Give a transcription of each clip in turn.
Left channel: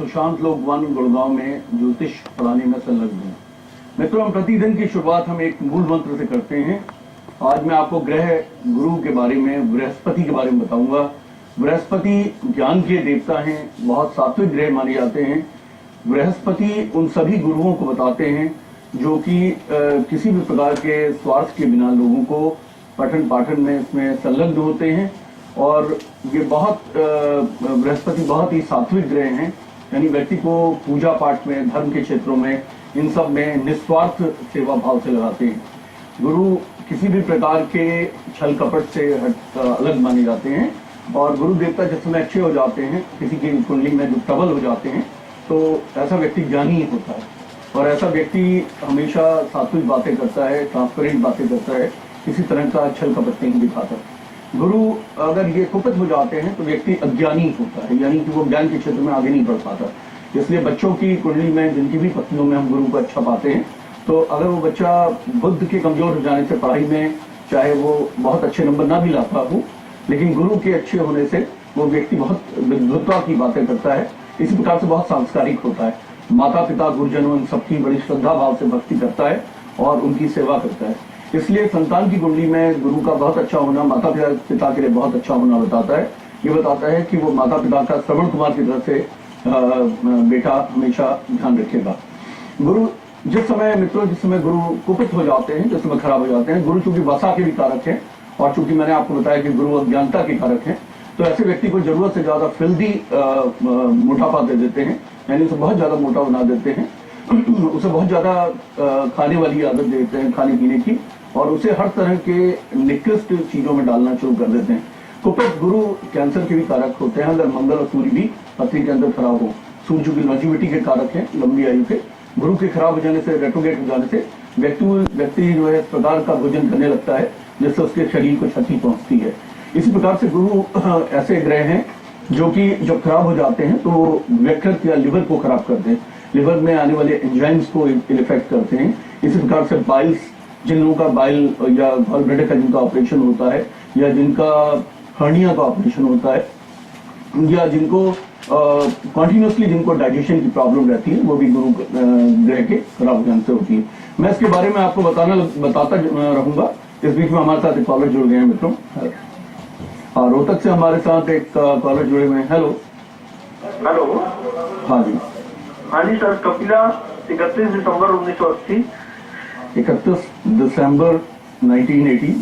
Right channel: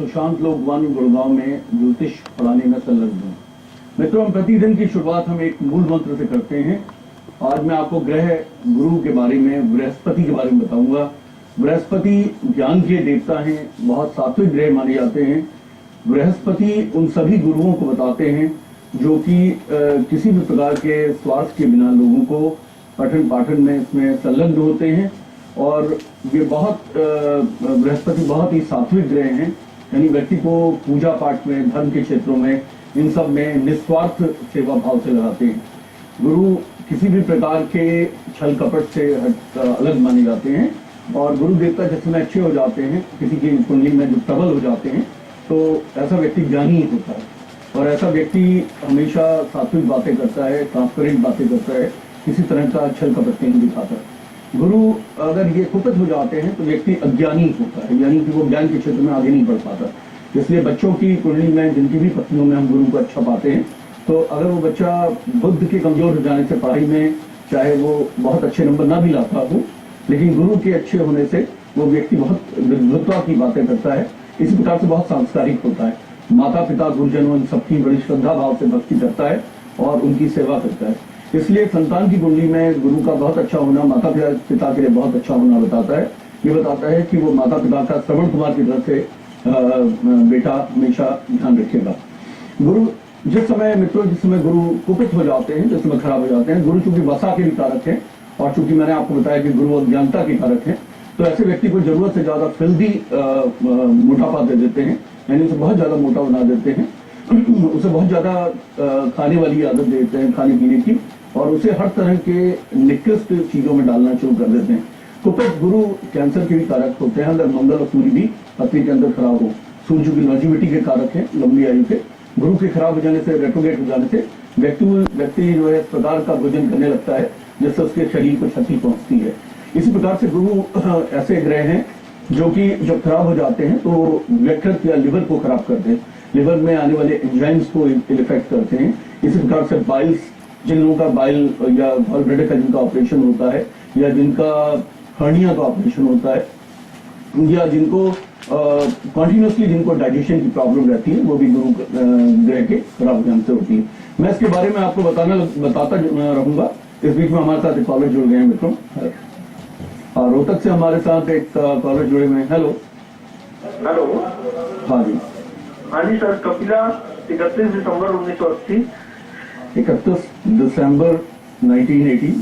सुशांत लोक वन गुड़गांव में ज्योतिष पढ़ाने में संलग्न हूँ। मित्रों, हम प्रतिदिन की शुरुआत हम एक मूल मंत्र से करते हैं। आज मैं आपको ग्रह गुरु के बारे में, बृहस्पति के बारे में बताऊंगा। बृहस्पति ज्ञान के देवता हैं, बहुत सात्विक ग्रह माने जाते हैं। बृहस्पति उन सभी गुरुओं को बताते हैं जो कि किसी भी प्रकार के स्वार्थ के बिना लोगों को पठन पाठन में इसमें संलग्न होते हैं। और ये बृहस्पति बहुत ही सात्विक ग्रह हैं, यानी व्यक्ति को पूजा पाठ में, धर्म के क्षेत्रों में, इन सब में निस्वार्थ सेवा भाव से लगाते हैं। गुरु किसी भी प्रकार के छल कपट से अलग माने जाते हैं। और गुरु देवता जिस समय अच्छे हो जाते हैं, किसी की कुंडली में जो प्रबल हो जाते हैं, तो ऐसा व्यक्ति ज्ञानी होता है और ऐसा व्यक्ति हमेशा सात्विक बातें करता है, ट्रांसपेरेंट बातें करता है, किसी तरह का छल कपट नहीं दिखाता। गुरु अगर ये कुपित हो जाते हैं तो व्यक्ति अज्ञानी होता है, यानी कि वो ज्ञान के क्षेत्र में आगे नहीं बढ़ पाता। इसलिए बच्चों की कुंडली में, जिनकी भी पत्नियों में हम गुरु को अच्छा पाते हैं, तो अगर वो बच्चा बुद्ध के कमजोर हो जाने से पढ़ाई में चाहे वो बहुत अच्छे नंबर ना भी लाता हो, लेकिन गुरु के अच्छे होने से वो व्यक्ति बहुत विद्वत्ता की बातें करता है। इसी प्रकार से बहुत सांस्कारिक होता है। माता पिता गुरुजनों इन सबकी बड़ी श्रद्धा भाव से भक्ति करता है और उनकी सेवा करता है। इसलिए संतान की कुंडली में गुरु का बहुत अच्छा होना माता पिता के लिए बहुत अच्छा होना बताता है। ये बताता है कि वो माता पिता का श्रवण कुमार की तरह से बेटा हमेशा ध्यान रखेगा। गुरु जिस समय गुरु कुपित हो जाते हैं, जिस समय खराब हो जाते हैं, गुरु चूंकि वसा के भी कारक हैं और चूंकि मैंने आपको बताया कि गुरु अज्ञानता के कारक हैं, तो ऐसे व्यक्ति को जरूरत से ज्यादा फिल्दी मोटापा दे देते हैं, यानी उसे बहुत ज्यादा मोटा बना देते हैं, उसे बहुत ज्यादा खाने वाली आदत देते हैं, खाने पीने की, और उसे हर तरह के निकृष्ट चीजों में डालना शुरू कर देते हैं। कुपित गुरु कैंसर के भी कारक होते हैं अगर मंगल और सूर्य भी पत्नी के अंदर खराब हो। सूर्य की लॉन्जिविटी के कारक है, लंबी आयु के। गुरु के खराब हो जाने से, रेट्रोगेट हो जाने से व्यक्ति जो है इस प्रकार का भोजन करने लगता है जिससे उसके शरीर को क्षति पहुंचती है। इसी प्रकार से गुरु ऐसे ग्रह हैं जो कि जब खराब हो जाते हैं तो यकृत या लिवर को खराब करते हैं, लिवर में आने वाले एंजाइम्स को इफेक्ट करते हैं। इसी प्रकार से बाइल्स, जिन लोगों का बाइल या गॉल ब्लैडर का जिनका ऑपरेशन होता है, या जिनका हर्निया का ऑपरेशन होता है, या जिनको कॉन्टिन्यूसली जिनको डाइजेशन की प्रॉब्लम रहती है, वो भी गुरु ग्रह के खराब हो जाने से होती है। मैं इसके बारे में आपको बताता रहूंगा। इस बीच में हमारे साथ एक कॉलर जुड़ गए हैं मित्रों। रोहतक से हमारे साथ एक कॉलर जुड़े हुए हैं। हेलो। हाँ जी सर, कपिला 31 दिसंबर 1980। 31 दिसंबर 1980।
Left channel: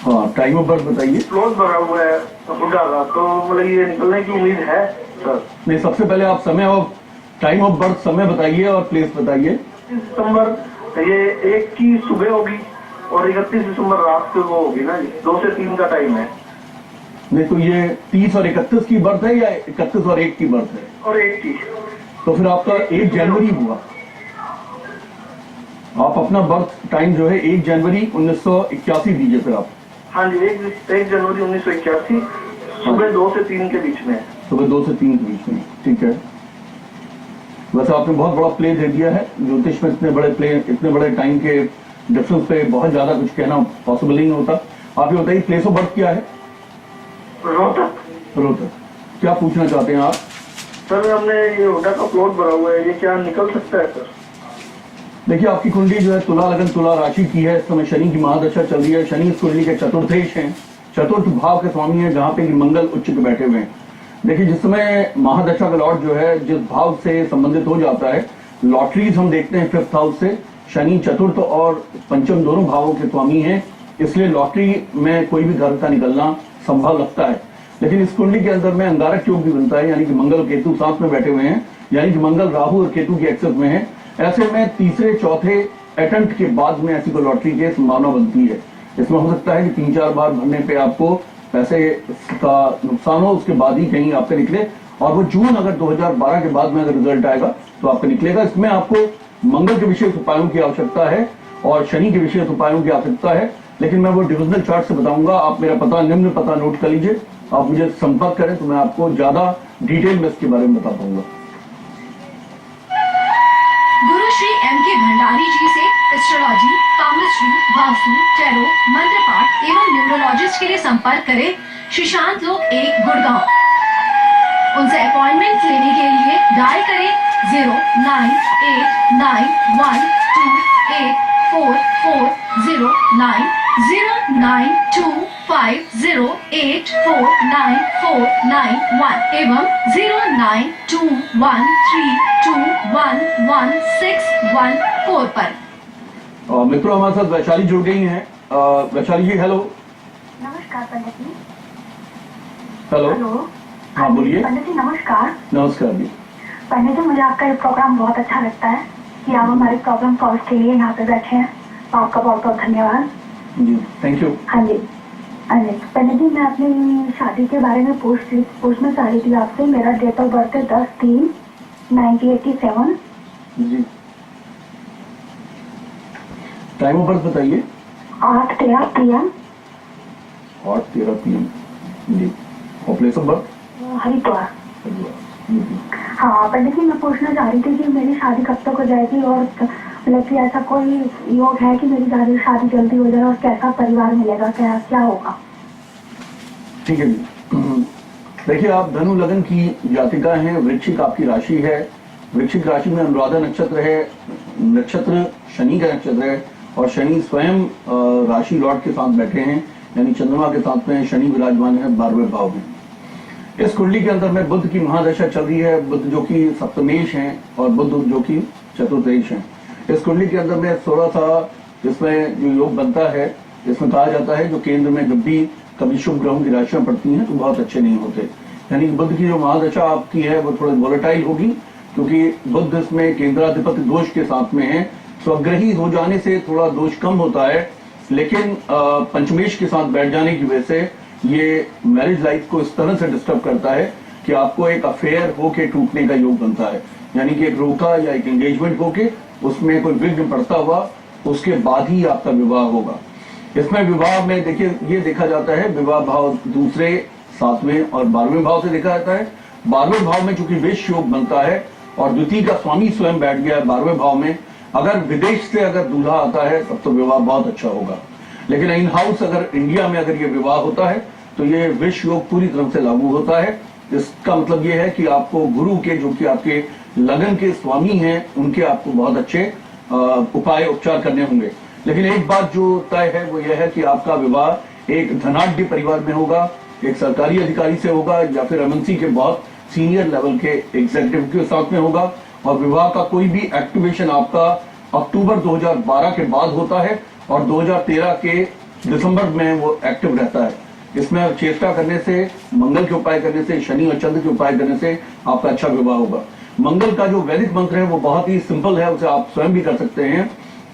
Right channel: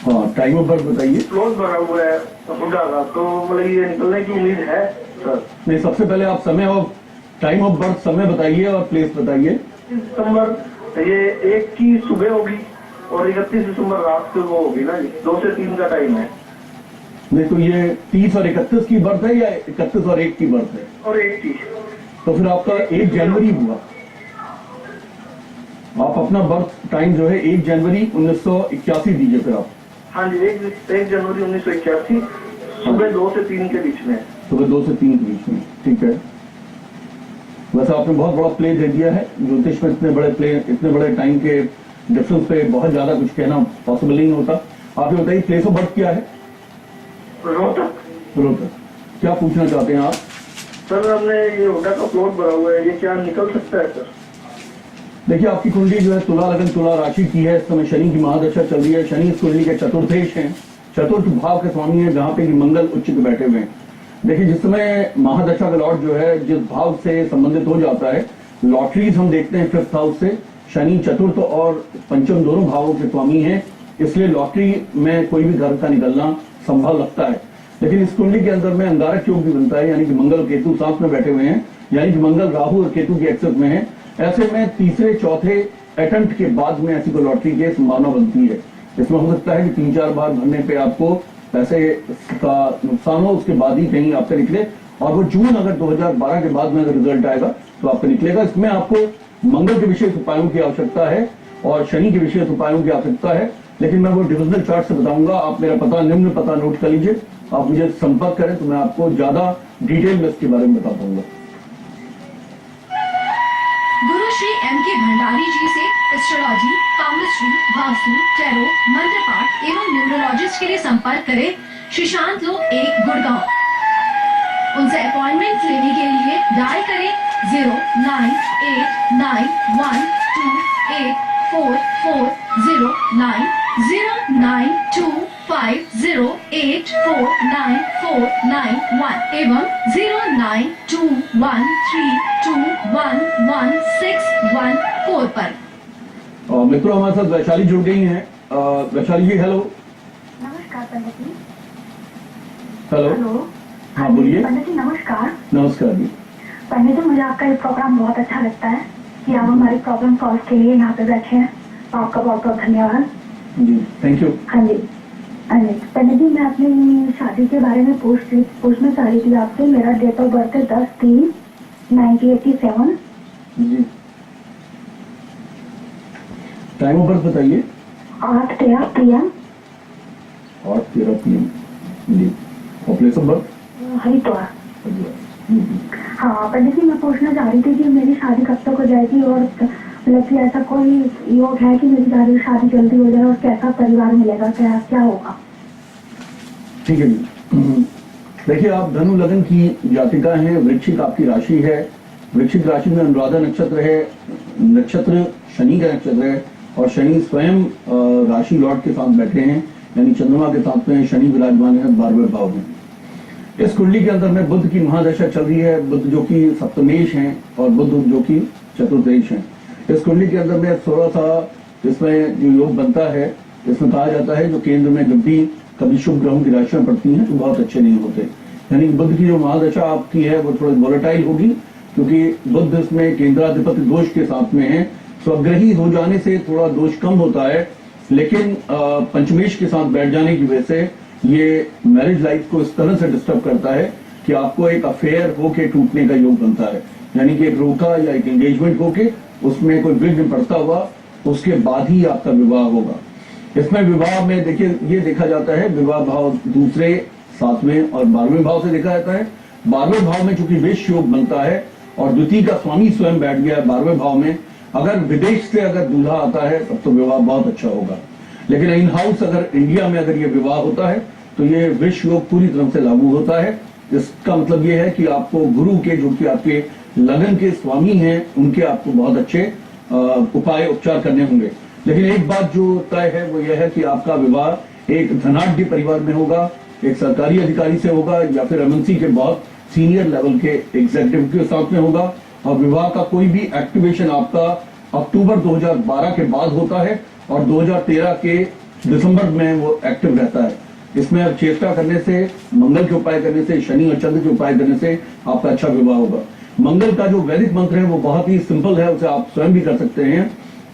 हाँ, टाइम ऑफ बर्थ बताइए। क्लोज भरा हुआ है बुढ़ा का, तो मतलब ये निकलने की उम्मीद है सर? नहीं, सबसे पहले आप टाइम ऑफ बर्थ समय बताइए और प्लेस बताइए। 31 दिसंबर ये 1 की सुबह होगी और 31 दिसंबर रात को वो होगी ना जी, 2 से 3 का टाइम है। नहीं, तो ये 30 और 31 की बर्थ है या 31 और 1 की बर्थ है? और 1 की। तो फिर आपका 1 जनवरी हुआ। आप अपना बर्थ टाइम जो है 1 जनवरी 1981 दीजिए फिर आप। हाँ जी, 1 जनवरी 1981 सुबह 2 से 3 के बीच में। सुबह 2 से 3 के बीच में, ठीक है। वैसे आपने बहुत बड़ा प्ले दे दिया है। ज्योतिष में इतने बड़े टाइम के डिफरेंस पे बहुत ज्यादा कुछ कहना पॉसिबल नहीं होता। आप ये बताइए, प्लेस ऑफ बर्थ क्या है? रोहतक। क्या पूछना चाहते हैं आप? सर, हमने ये होटा का प्लॉट भरा हुआ है, ये क्या निकल सकता है सर? देखिए, आपकी कुंडली जो है तुला लगन तुला राशि की है। इस समय शनि की महादशा चल रही है। शनि इस कुंडली के चतुर्थेश हैं, चतुर्थ भाव के स्वामी है, जहां पे मंगल उच्च पे बैठे हुए हैं। देखिए, जिस समय महादशा का लॉर्ड जो है जिस भाव से संबंधित हो जाता है, लॉटरीज हम देखते हैं 5th हाउस से। शनि चतुर्थ और पंचम दोनों भावों के स्वामी हैं, इसलिए लॉटरी में कोई भी घर का निकलना संभव लगता है। लेकिन इस कुंडली के अंदर में अंगारक योग भी बनता है, यानी कि मंगल केतु साथ में बैठे हुए हैं, यानी कि मंगल राहु और केतु की एक्सेस में है। ऐसे में तीसरे चौथे अटेम्प्ट के बाद में ऐसी को लॉटरी की संभावना बनती है। इसमें हो सकता है कि 3-4 बार भरने पे आपको पैसे का नुकसान हो, उसके बाद ही कहीं आपसे निकले, और वो जून अगर 2012 के बाद में अगर रिजल्ट आएगा तो आपका निकलेगा। इसमें आपको मंगल के विशेष उपायों की आवश्यकता है और शनि के विशेष उपायों की आवश्यकता है, लेकिन मैं वो डिविजनल चार्ट से बताऊंगा। आप मेरा निम्न पता नोट कर लीजिए, आप मुझे संपर्क करें तो मैं आपको ज्यादा डिटेल में इसके बारे में बता पाऊंगा। गुरु श्री M.K. भंडारी जी से एस्ट्रोलॉजी, पामिस्ट्री, वास्तु, टैरो, मंत्र पाठ एवं न्यूमरोलॉजिस्ट के लिए संपर्क करें। सुशांत लोक 1 गुड़गांव। उनसे अपॉइंटमेंट लेने के लिए डायल करें 0989184409 09250849491 एवं 092132111614 पर। मित्रों हमारे साथ वैशाली जुड़ गई हैं। वैशाली जी हेलो। नमस्कार पंडित जी। हेलो। हेलो। हाँ बोलिए। पंडित जी नमस्कार। नमस्कार जी। पंडित जी मुझे आपका ये प्रोग्राम बहुत अच्छा लगता है कि आप हमारे प्रॉब्लम सॉल्व के लिए यहाँ पे बैठे हैं, तो आपका बहुत बहुत धन्यवाद जी थैंक यू। हाँ जी। हाँ जी पंडित जी, मैं अपनी शादी के बारे में पूछना चाह रही थी आपसे। मेरा डेट ऑफ बर्थ है 10/3/1987। जी टाइम ऑफ बर्थ बताइए। 8:13 PM 8:13 PM जी। और प्लेस ऑफ बर्थ हरिद्वार। हाँ पंडित जी, मैं पूछना चाह रही थी कि मेरी शादी कब तक हो जाएगी, और मतलब कि ऐसा कोई योग है कि मेरी शादी जल्दी हो जाए, और कैसा परिवार मिलेगा, क्या होगा? ठीक है जी। देखिए आप धनु लगन की जातिका हैं। वृश्चिक आपकी राशि है। वृश्चिक राशि में अनुराधा नक्षत्र है। नक्षत्र शनि का नक्षत्र है और शनि स्वयं राशि लॉर्ड के साथ बैठे हैं, यानी चंद्रमा के साथ में शनि विराजमान है 12वें भाव में। इस कुंडली के अंदर में बुध की महादशा चल रही है। बुध जो कि सप्तमेश हैं और बुध जो कि चतुर्देश हैं। इस कुंडली के अंदर में थोड़ा सा इसमें जो योग बनता है, इसमें कहा जाता है जो केंद्र में जब भी कभी शुभ ग्रहों की राशियां पड़ती हैं तो बहुत अच्छे नहीं होते। यानी बुध की जो महादशा आपकी है वो थोड़ी वोलेटाइल होगी, क्योंकि बुध इसमें केंद्राधिपति दोष के साथ में है। स्वग्रही हो जाने से थोड़ा दोष कम होता है, लेकिन पंचमेश के साथ बैठ जाने की वजह से ये मैरिज लाइफ को इस तरह से डिस्टर्ब करता है कि आपको एक अफेयर होके टूटने का योग बनता है। यानी कि एक रोका या एक एंगेजमेंट होके उसमें कोई विघ्न पड़ता हुआ उसके बाद ही आपका विवाह होगा। इसमें विवाह में देखिए ये देखा जाता है, विवाह भाव दूसरे, 7वें और 12वें भाव से देखा जाता है। 12वें भाव में चूंकि वेश योग बनता है और द्वितीय का स्वामी स्वयं बैठ गया है 12वें भाव में, अगर विदेश से अगर दूल्हा आता है तब तो विवाह बहुत अच्छा होगा। लेकिन इन हाउस अगर इंडिया में अगर ये विवाह होता है तो ये विष योग पूरी तरह से लागू होता है। इसका मतलब ये है कि आपको गुरु के जो कि आपके लगन के स्वामी हैं उनके आपको बहुत अच्छे उपाय उपचार करने होंगे। लेकिन एक बात जो तय है वो यह है कि आपका विवाह एक धनाढ्य परिवार में होगा, एक सरकारी अधिकारी से होगा या फिर एमएनसी के बहुत सीनियर लेवल के एग्जीक्यूटिव के साथ में होगा। और विवाह का कोई भी एक्टिवेशन आपका अक्टूबर 2012 के बाद होता है और 2013 के दिसंबर में वो एक्टिव रहता है। इसमें चेष्टा करने से, मंगल के उपाय करने से, शनि और चंद्र के उपाय करने से आपका अच्छा विवाह होगा। मंगल का जो वैदिक मंत्र है वो बहुत ही सिंपल है, उसे आप स्वयं भी कर सकते हैं।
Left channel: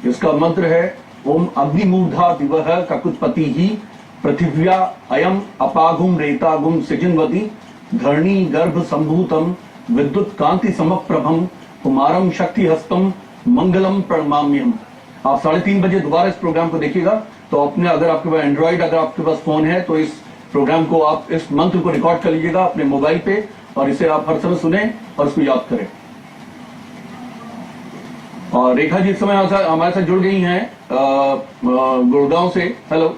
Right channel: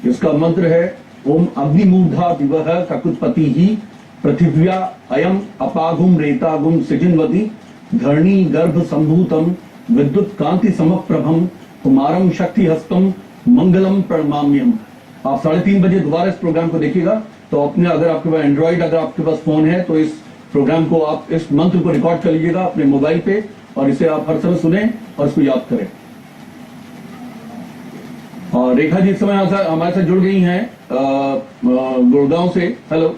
इसका मंत्र है ओम अग्निमूर्धा दिवह ककुत्पति ही पृथिव्या अयम अपाघुम रेतागुम सिजिन्वती धरणी गर्भ संभूतम विद्युत कांति समप्रभम कुमारम शक्ति हस्तम मंगलम प्रणमाम्यम। आप 3:30 बजे दोबारा इस प्रोग्राम को देखिएगा। तो अपने अगर आपके पास एंड्रॉइड, अगर आपके पास फोन है तो इस प्रोग्राम को आप इस मंत्र को रिकॉर्ड कर लीजिएगा अपने मोबाइल पे और इसे आप हर समय सुने और इसको याद करें। और रेखा जी इस समय हमारे साथ जुड़ गई हैं गुड़गांव से। हेलो।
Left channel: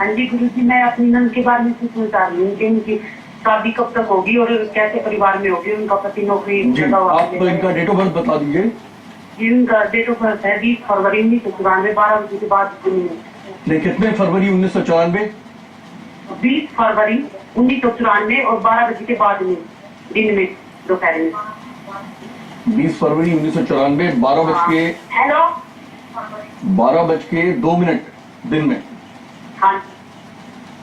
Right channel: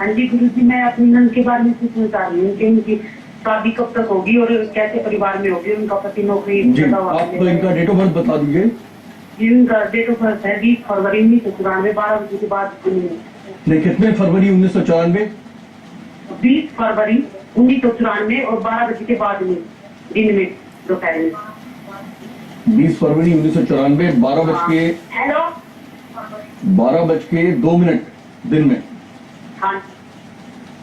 हाँ जी गुरु जी, मैं अपनी नंद के बारे में पूछना चाह रही हूँ कि उनकी शादी कब तक होगी और कैसे परिवार में होगी, उनका पति नौकरी। आप इनका डेट ऑफ बर्थ बता दीजिए। इनका डेट ऑफ बर्थ है 20 फरवरी 1994, 12 बजे के बाद। नहीं, कितने फरवरी 1994? 20 फरवरी 1994 और 12 बजे के बाद में, दिन में, दोपहर में। 20 फरवरी 1994 12 बज के हेलो 12:02 दिन में। हाँ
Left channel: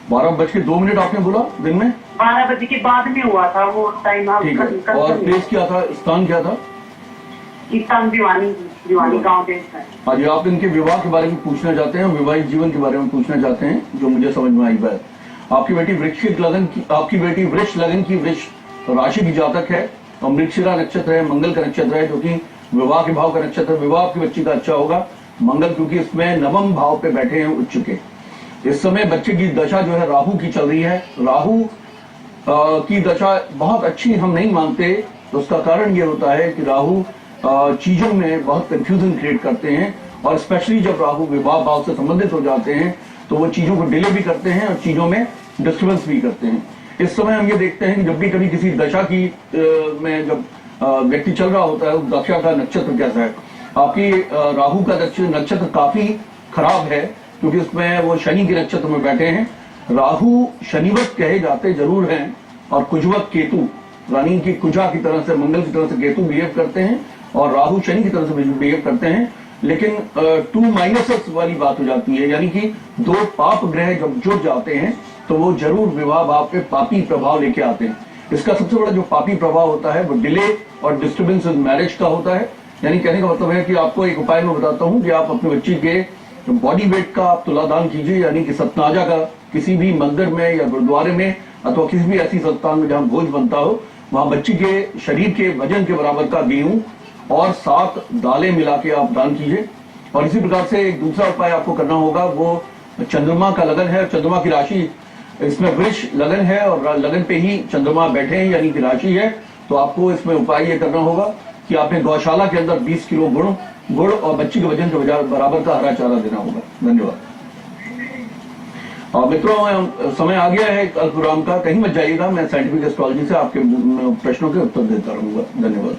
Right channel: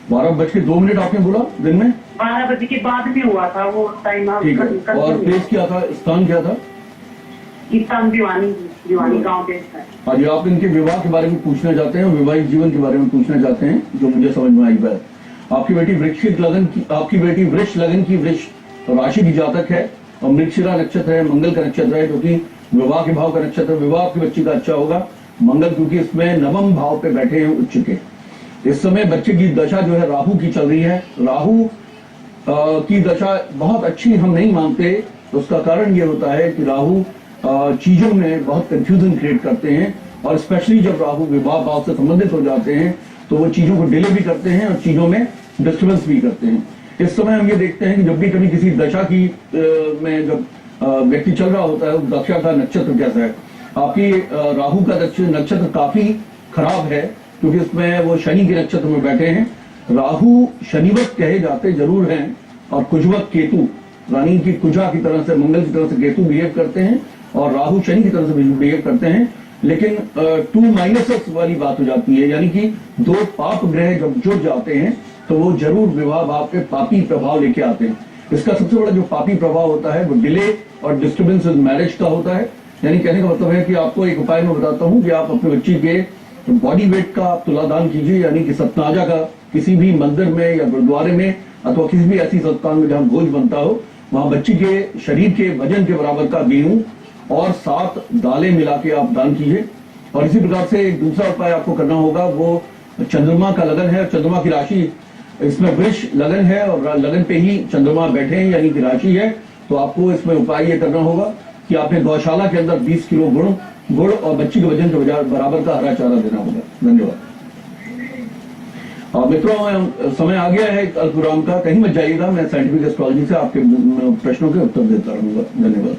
12:02 आपने बोला दिन में? 12 बजे के बाद में हुआ था वो टाइम। ठीक है। और प्लेस क्या था, स्थान क्या था? स्थान दीवानी गाँव देश है। हाँ जी, आप इनके विवाह के बारे में पूछना चाहते हैं, वैवाहिक जीवन के बारे में पूछना चाहते हैं, जो मुझे समझ में आई बात। आपकी बेटी वृश्चिक लगन की, आपकी बेटी वृष लगन की वृष राशि की जातक है और मृगशिरा नक्षत्र है, मंगल का नक्षत्र है, जो कि विवाह के भाव का नक्षत्र। विवाह आपकी बच्ची का अच्छा होगा। मंगल क्योंकि इसमें 9वें भाव पे बैठे हैं उच्च के। इस समय बच्चे की दशा जो है राहु की चल रही है। राहु की दशा बहुत अच्छी हम नहीं मानते। तो उसका कारण ये होता है कि राहु चीजों में बहुत कंफ्यूजन क्रिएट करते हैं और स्पेशली जब राहु विवाह भाव से संबंधित हो जाते हैं तो वो चीजों को डिले भी करते हैं और चीजों में डिस्टर्बेंस भी करते हैं। इस समय हम ये देखते हैं कि जब भी कभी किसी दशा की में जब व्यक्ति चल रहा होता है, उस दशा का नक्षत्र कैसा है। आपकी राहु का नक्षत्र काफी खराब है, क्योंकि उसमें वो शनि के नक्षत्र में बैठे हैं। राहु शनिवत कहे जाते जरूर हैं, और कुजवत केतु, रानी की कुजा की तरह से, मंगल की तरह से केतु बिहेव करते हैं, और राहु शनि की तरह से बिहेव करते हैं। लेकिन 2 - वाली बात हो जाती है, यानी कि 2 पाप ग्रह जब जुड़ जाते हैं तो वो जरूर विवाह भाव पे पापी प्रभाव लेके आते हैं। इसका सबसे बड़ा जो पापी प्रभाव होता है वो डिले और डिस्टर्बेंस इन मैरिज का होता है। यानी कहने का मतलब है कि आपको एक उपाय मैं बताता हूं कि आप अपने बच्ची के बॉडी वेट का आप तुलादान कीजिए, यानी कि सतनाजा का किसी भी मंदिर में या गुरुद्वारे में अथवा किसी भी ऐसी संस्थान में जहां भोज बनता हो, वहां बच्ची के शरीर के वजन के बराबर का गेहूं और 7 दालें मिला के आप दान कीजिए। और इसी प्रकार से एक दूसरा उपाय आपको करना होगा, वो चंद्रमा का लगन है। चंद्रमा की राशि इसमें वृष लगन है, और लगन पे ही चंद्रमा बैठे हैं, यानी कि राशि है। तो आपको इसमें उपाय ये करना होगा कि आपने गौशाला के अंदर 20 किलो गुड़ और बच्ची के वजन के बराबर का हरा चारा देना होगा। धन्यवाद। मित्रों, समय आ गया है अल्पविराम का, कहीं मत जाइएगा। मैं साइंटिफिक एस्ट्रोलॉजी से आपके प्रश्नों के उत्तर देता रहूंगा। धन्यवाद।